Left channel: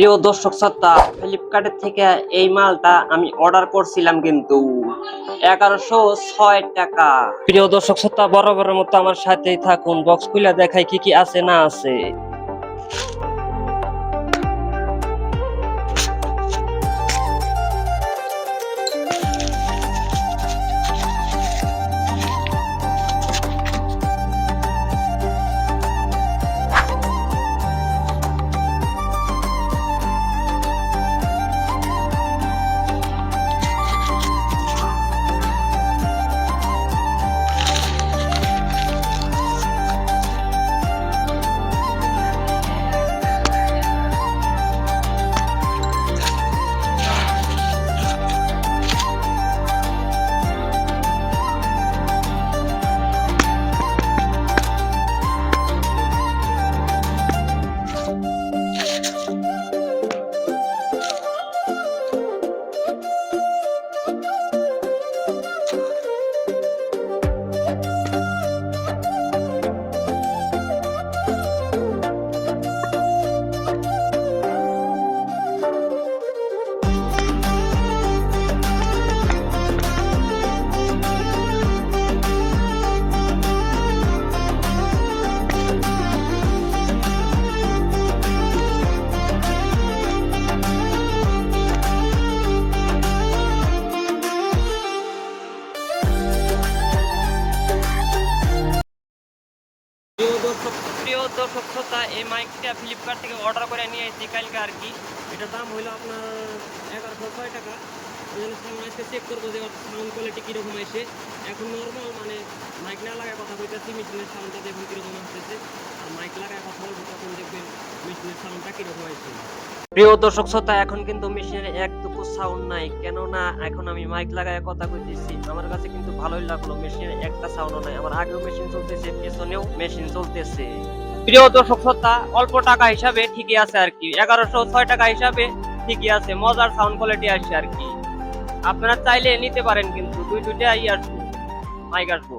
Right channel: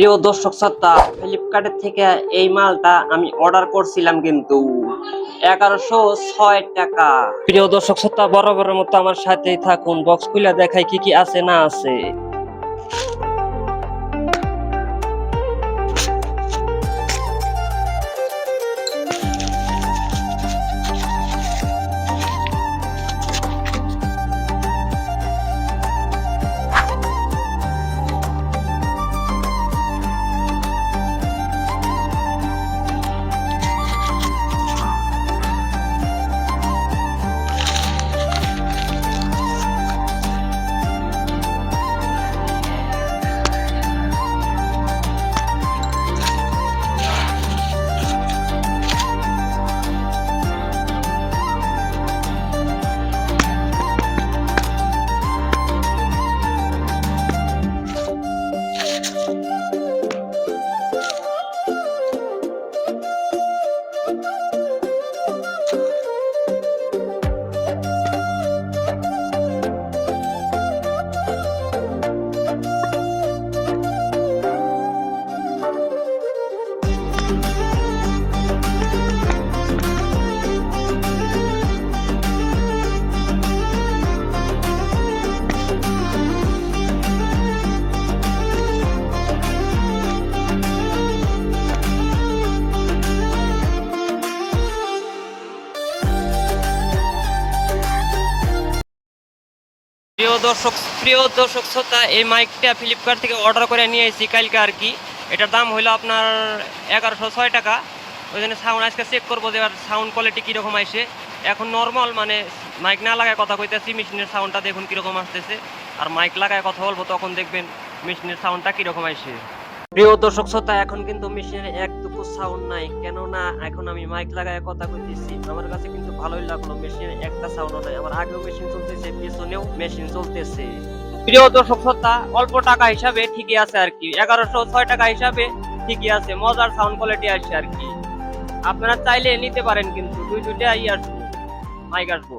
প্রিয় দর্শক শ্রোতা ফ্লিপকার্টের থেকে এই মালটা আমি অর্ডার করছিলাম কিন্তু এগারোশো ছয় টাকা। প্রিয় দর্শক শ্রোতা, বরাবরের মতো আমার সাথেই থাকুন। বক্স খুলে দেখাই কি কি আছে, না আছে। প্রিয় দর্শক প্রিয় দর্শক শ্রোতা, এই মাইকটা ফ্লিপকার্ট থেকে অর্ডার করে নিয়ে এসেছি কালকে আর কি। এটার দাম হলো আপনার এগারোশো ছয় টাকা। ওই জন্য সাউন্ড আজকে চেক করব যে সাউন্ড কোয়ালিটি কীরকম আসে। এখন নর্মাল মানে মাইক না লাগায় কথা কইতেছি মেশিনের সাউন্ডটা দেখুন কীরকম আসতেছে। আর মাইক লাগায় কথা বলব, তখন দেখবেন মেশিনের সাউন্ডটা কীরকম আসে। প্রিয় দর্শক শ্রোতা, এখন কিন্তু মেশিনের একটুকু সাউন্ড নাই। কেননা এখন আমি মাইক লাগায় কথা কইতেছি। আমার কাছে কিন্তু ভালোই লাগল, মেশিনের একটা সাউন্ডও নাই। আমার আগেও মেশিন চলতেছে, পেছনেও মেশিন চলতেছে। প্রিয় দর্শক শ্রোতা, অল্প টাকা হিসাবে ঠিকই আছে আর কি। এগারোশো ছয় টাকা হিসাবে ঠিকই আছে, মজার সাউন্ড কোয়ালিটি আসছে আর কি। আপনারা চাইলে নিতে পারেন কিন্তু, দুই দুইটা ই আসব মাইক আসব।